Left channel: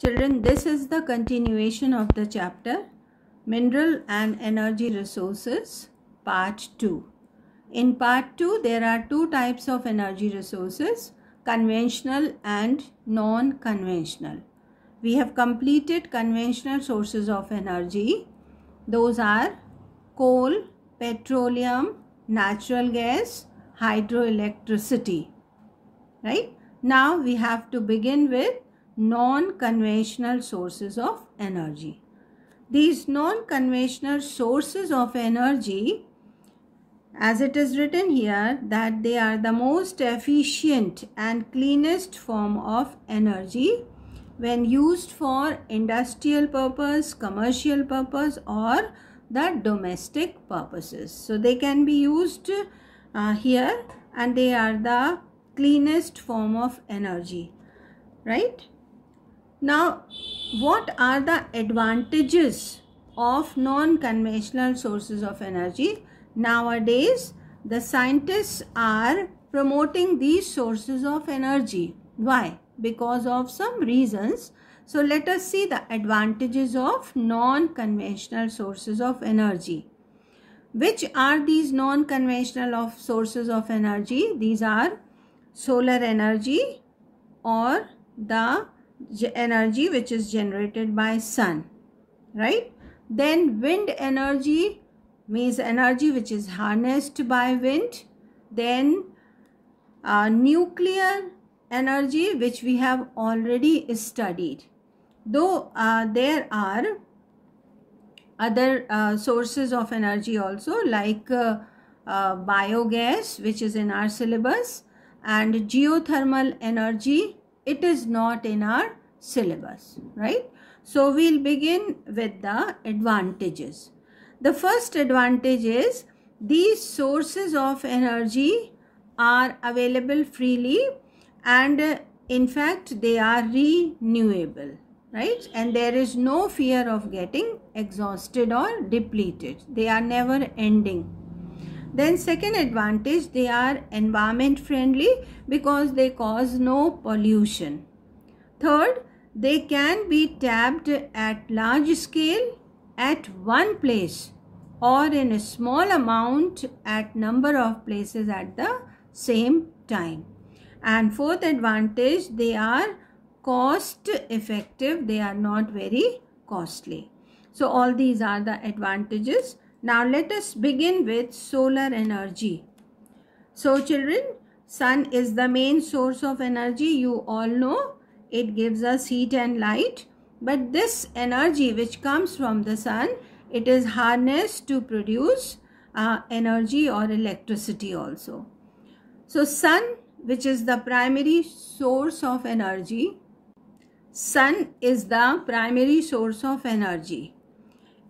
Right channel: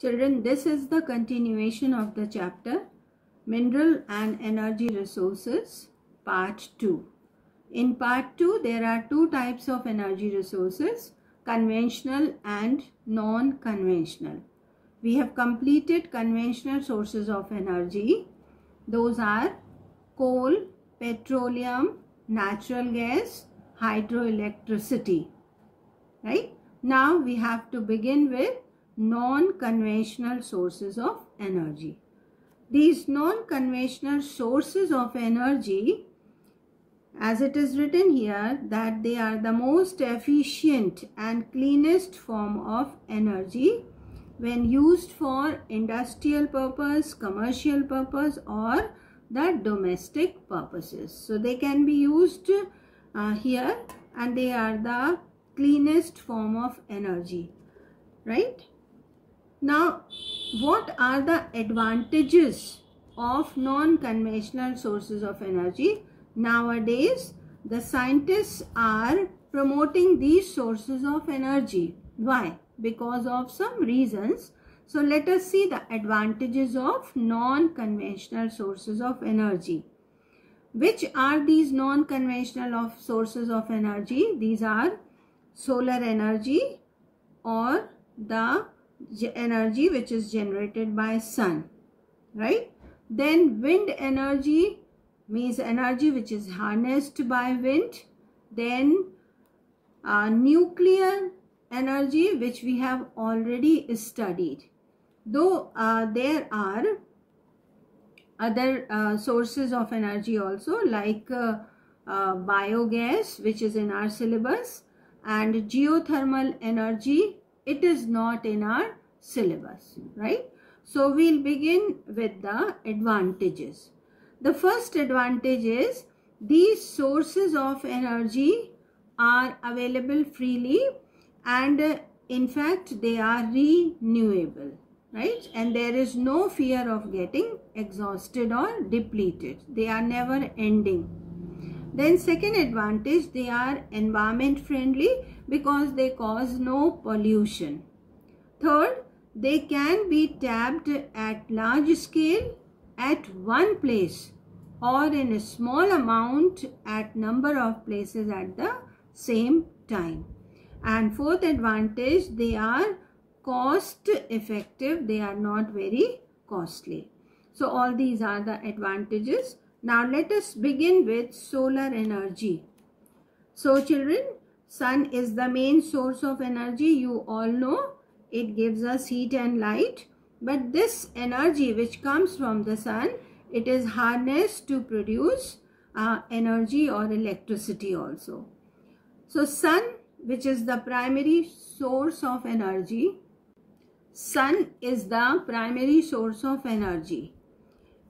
Children, this is the continuation of the chapter Mineral and Energy Resources, Part 2. In Part 2, there are two types of energy resources, conventional and non-conventional. We have completed conventional sources of energy. Those are coal, petroleum, natural gas, hydroelectricity. Right? Now we have to begin with non-conventional sources of energy. These non-conventional sources of energy, as it is written here, that they are the most efficient and cleanest form of energy when used for industrial purpose, commercial purpose, or the domestic purposes. So they can be used here, and they are the cleanest form of energy, right? Now, what are the advantages of non-conventional sources of energy? Nowadays, the scientists are promoting these sources of energy. Why? Because of some reasons. So, let us see the advantages of non-conventional sources of energy. Which are these non-conventional sources of energy? These are solar energy, or the energy which is generated by sun, right? Then wind energy means energy which is harnessed by wind. Then nuclear energy, which we have already studied. Though there are other sources of energy also, like biogas, which is in our syllabus, and geothermal energy. It is not in our syllabus, right? So we'll begin with the advantages. The first advantage is these sources of energy are available freely, and in fact they are renewable, right? And there is no fear of getting exhausted or depleted. They are never ending. Then second advantage, they are environment friendly because they cause no pollution. Third, they can be tapped at large scale at one place or in a small amount at number of places at the same time. And fourth advantage, they are cost effective. They are not very costly. So all these are the advantages. Now let us begin with solar energy. So children, sun is the main source of energy. You all know it gives us heat and light. But this energy which comes from the sun, it is harnessed to produce energy or electricity also. So sun, which is the primary source of energy, sun is the primary source of energy.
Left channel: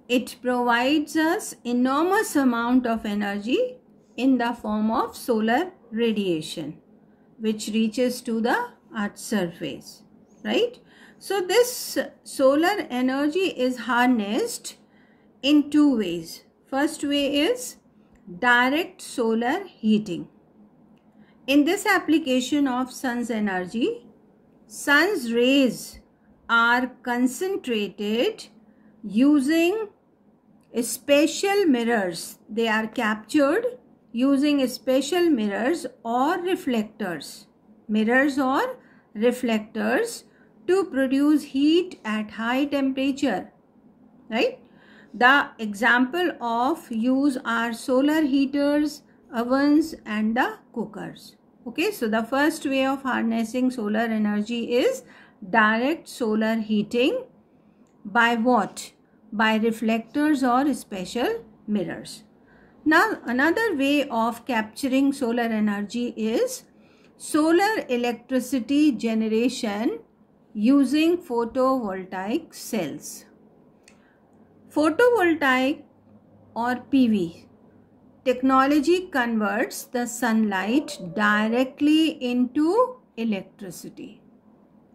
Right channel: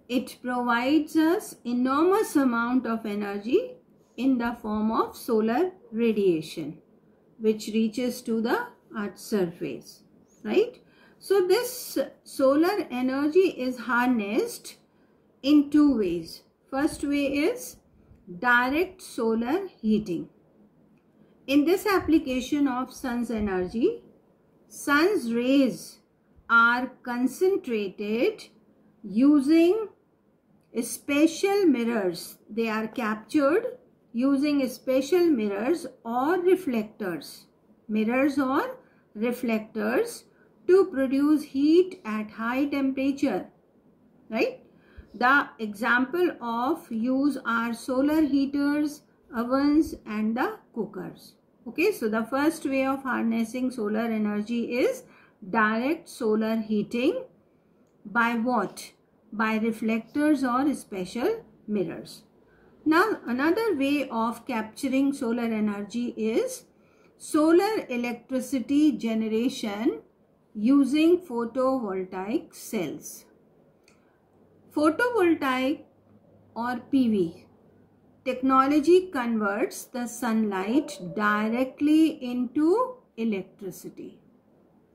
It provides us enormous amount of energy in the form of solar radiation, which reaches to the Earth's surface, right? So this solar energy is harnessed in two ways. First way is direct solar heating. In this application of sun's energy, sun's rays are concentrated using special mirrors. They are captured using special mirrors or reflectors. Mirrors or reflectors to produce heat at high temperature, right? The example of use are solar heaters, ovens, and the cookers. Okay, so the first way of harnessing solar energy is direct solar heating. By what? By reflectors or special mirrors. Now another way of capturing solar energy is solar electricity generation using photovoltaic cells. Photovoltaic or PV technology converts the sunlight directly into electricity,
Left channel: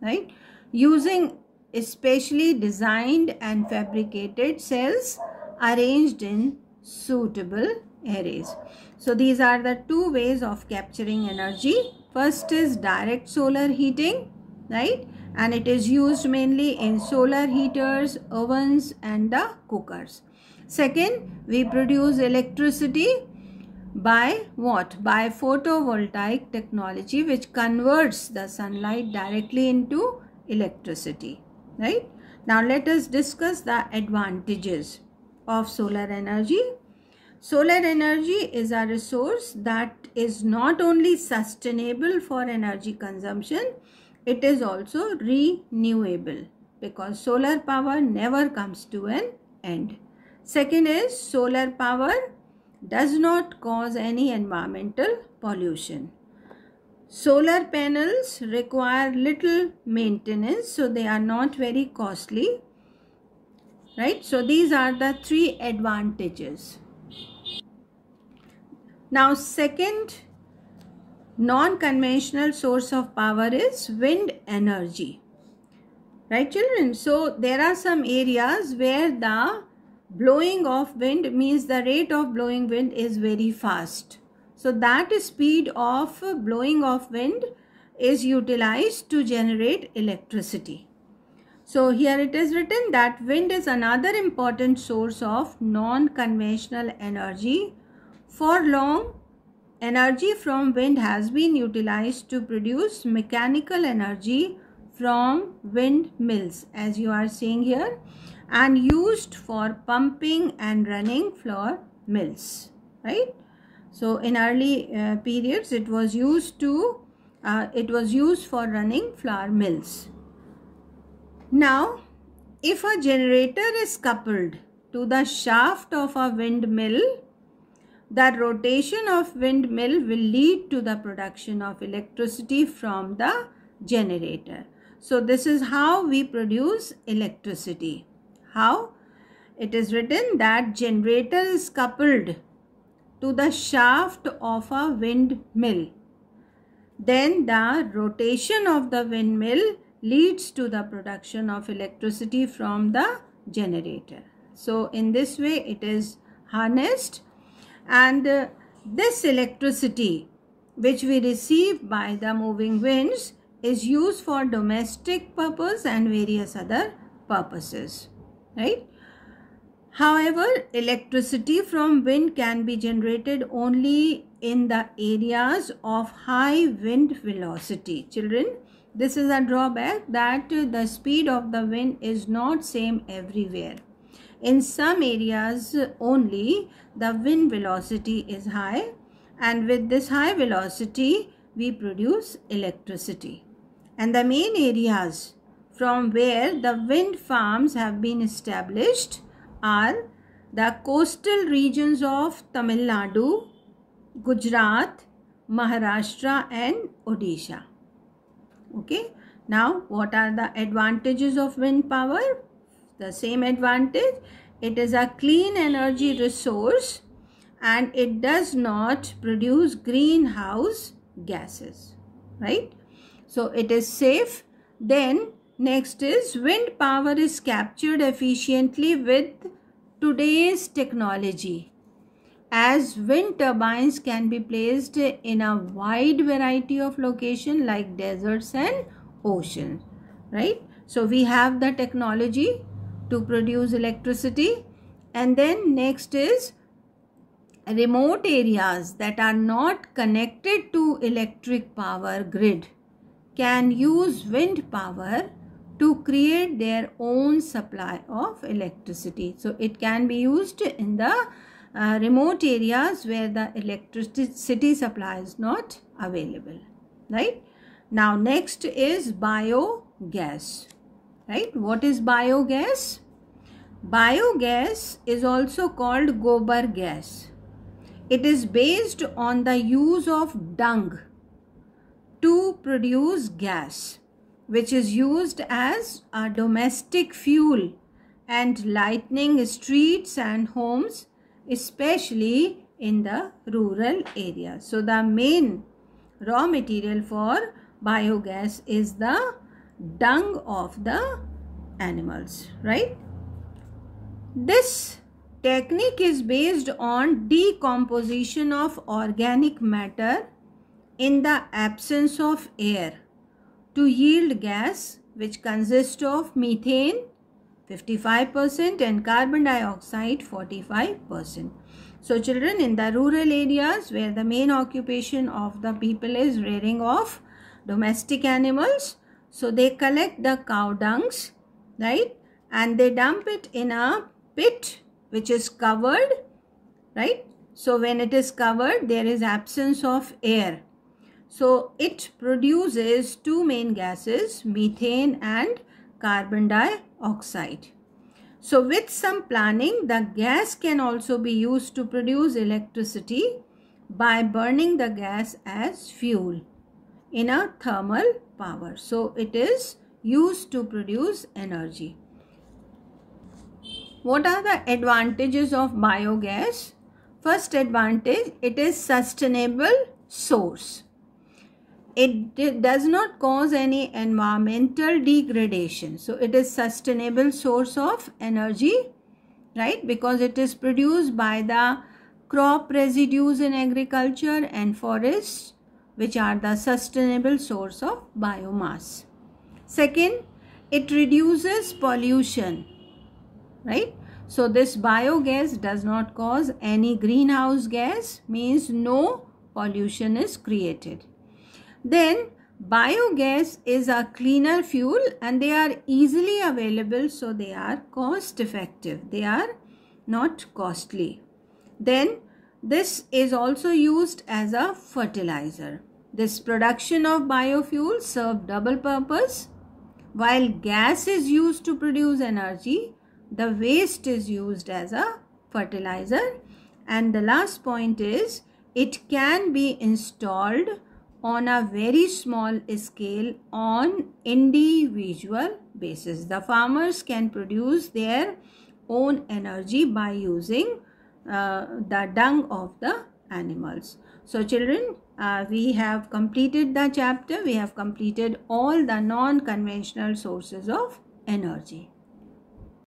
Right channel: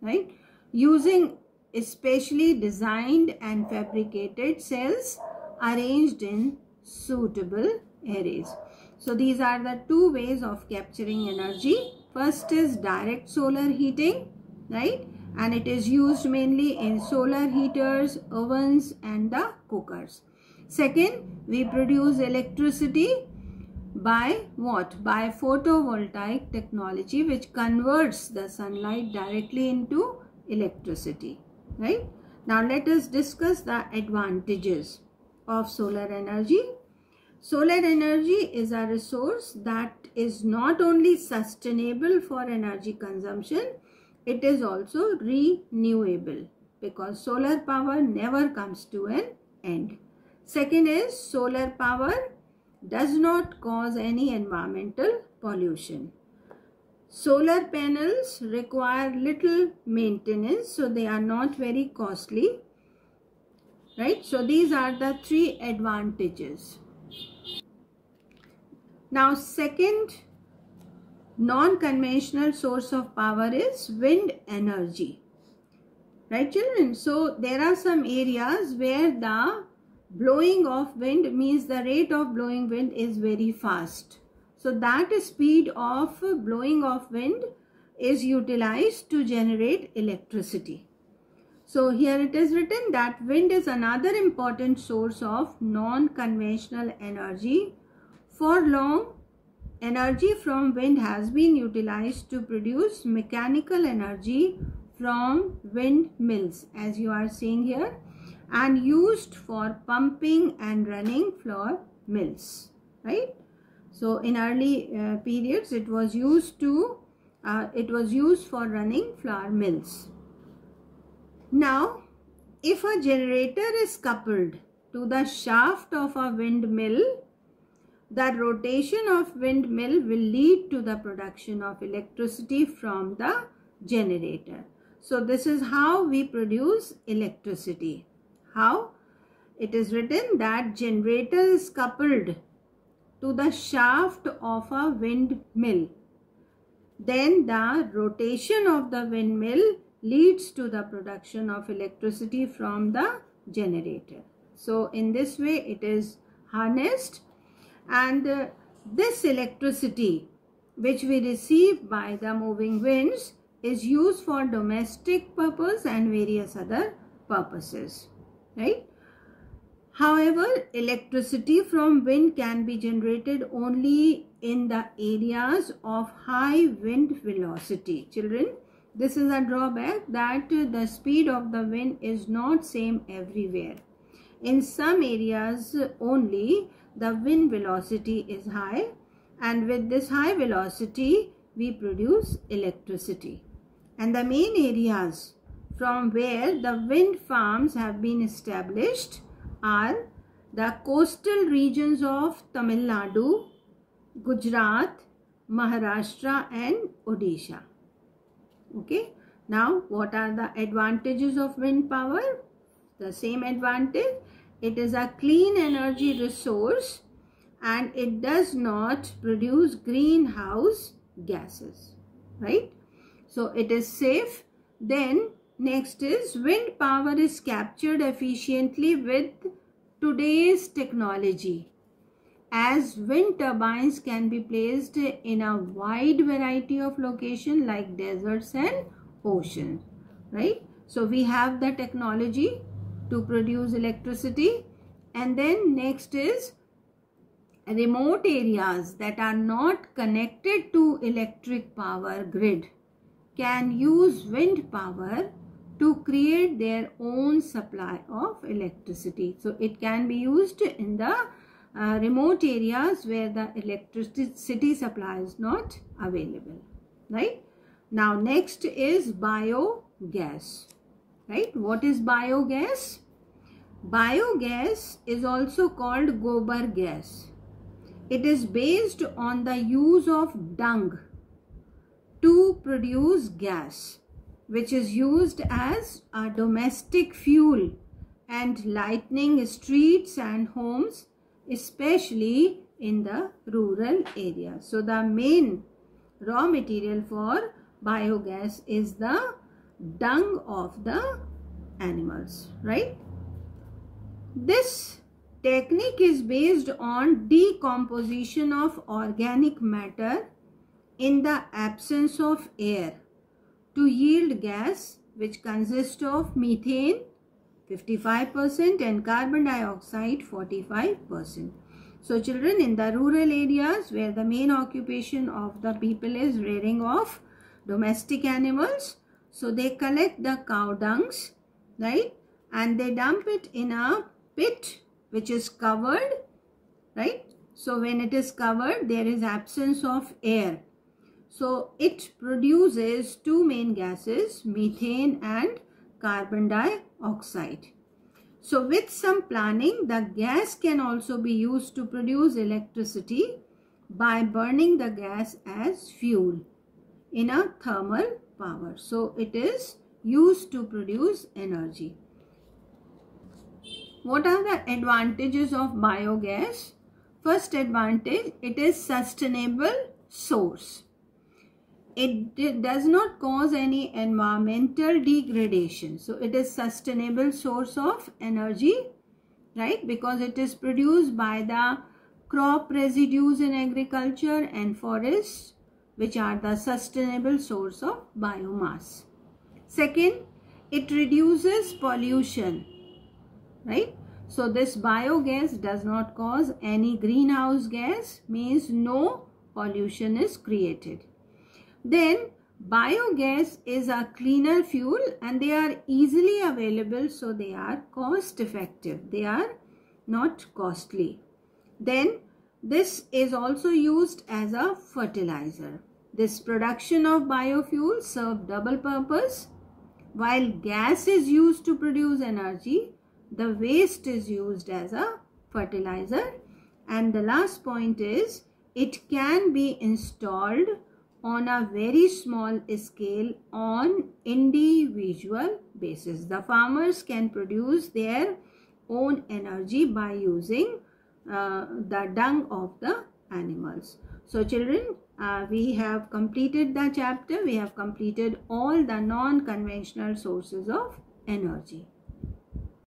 right? Using especially designed and fabricated cells arranged in suitable arrays. So these are the two ways of capturing energy. First is direct solar heating, right? and it is used mainly in solar heaters, ovens and the cookers. Second, we produce electricity by what? By photovoltaic technology, which converts the sunlight directly into electricity, right? Now let us discuss the advantages of solar energy. Solar energy is a resource that is not only sustainable for energy consumption, it is also renewable, because solar power never comes to an end. Second is, solar power does not cause any environmental pollution. Solar panels require little maintenance, so they are not very costly, right? So these are the three advantages. Now, second non-conventional source of power is wind energy, right children? So there are some areas where the blowing of wind means the rate of blowing wind is very fast. So that speed of blowing of wind is utilized to generate electricity. So here it is written that wind is another important source of non-conventional energy. For long, energy from wind has been utilized to produce mechanical energy from windmills, as you are seeing here, and used for pumping and running flour mills, right? So in early periods, it was used for running flour mills. Now, if a generator is coupled to the shaft of a windmill, the rotation of windmill will lead to the production of electricity from the generator. So this is how we produce electricity. How? It is written that generator is coupled to the shaft of a windmill. Then the rotation of the windmill leads to the production of electricity from the generator. So in this way it is harnessed, and this electricity which we receive by the moving winds is used for domestic purpose and various other purposes, right? However, electricity from wind can be generated only in the areas of high wind velocity. Children, this is a drawback, that the speed of the wind is not same everywhere. In some areas only the wind velocity is high, and with this high velocity we produce electricity. And the main areas from where the wind farms have been established are the coastal regions of Tamil Nadu, Gujarat, Maharashtra and Odisha. Okay. Now, what are the advantages of wind power? The same advantage. It is a clean energy resource and it does not produce greenhouse gases, right? So it is safe. Then next is, wind power is captured efficiently with today's technology, as wind turbines can be placed in a wide variety of locations like deserts and oceans, right? So we have the technology to produce electricity. And then next is, remote areas that are not connected to electric power grid can use wind power to create their own supply of electricity. So it can be used in the remote areas where the electricity supply is not available, right? Now next is biogas, right? What is biogas? Biogas is also called gobar gas. It is based on the use of dung to produce gas, which is used as a domestic fuel and lighting streets and homes, especially in the rural areas. So the main raw material for biogas is the dung of the animals, right? This technique is based on decomposition of organic matter in the absence of air to yield gas which consists of methane 55% and carbon dioxide 45%. So children, in the rural areas where the main occupation of the people is rearing of domestic animals, so they collect the cow dungs, right, and they dump it in a pit which is covered, right. So when it is covered, there is absence of air. So it produces two main gases, methane and carbon dioxide. So with some planning, the gas can also be used to produce electricity by burning the gas as fuel in a thermal power. So it is used to produce energy. What are the advantages of biogas? First advantage, it is sustainable source. It does not cause any environmental degradation. So it is sustainable source of energy, right? Because it is produced by the crop residues in agriculture and forests, which are the sustainable source of biomass. Second, it reduces pollution, right? So this biogas does not cause any greenhouse gas, means no pollution is created. Then biogas is a cleaner fuel and they are easily available, so they are cost effective. They are not costly. Then this is also used as a fertilizer. This production of biofuel serves double purpose. While gas is used to produce energy, the waste is used as a fertilizer. And the last point is, it can be installed on a very small scale on individual basis. The farmers can produce their own energy by using the dung of the animals. So children, we have completed the chapter. We have completed all the non-conventional sources of energy.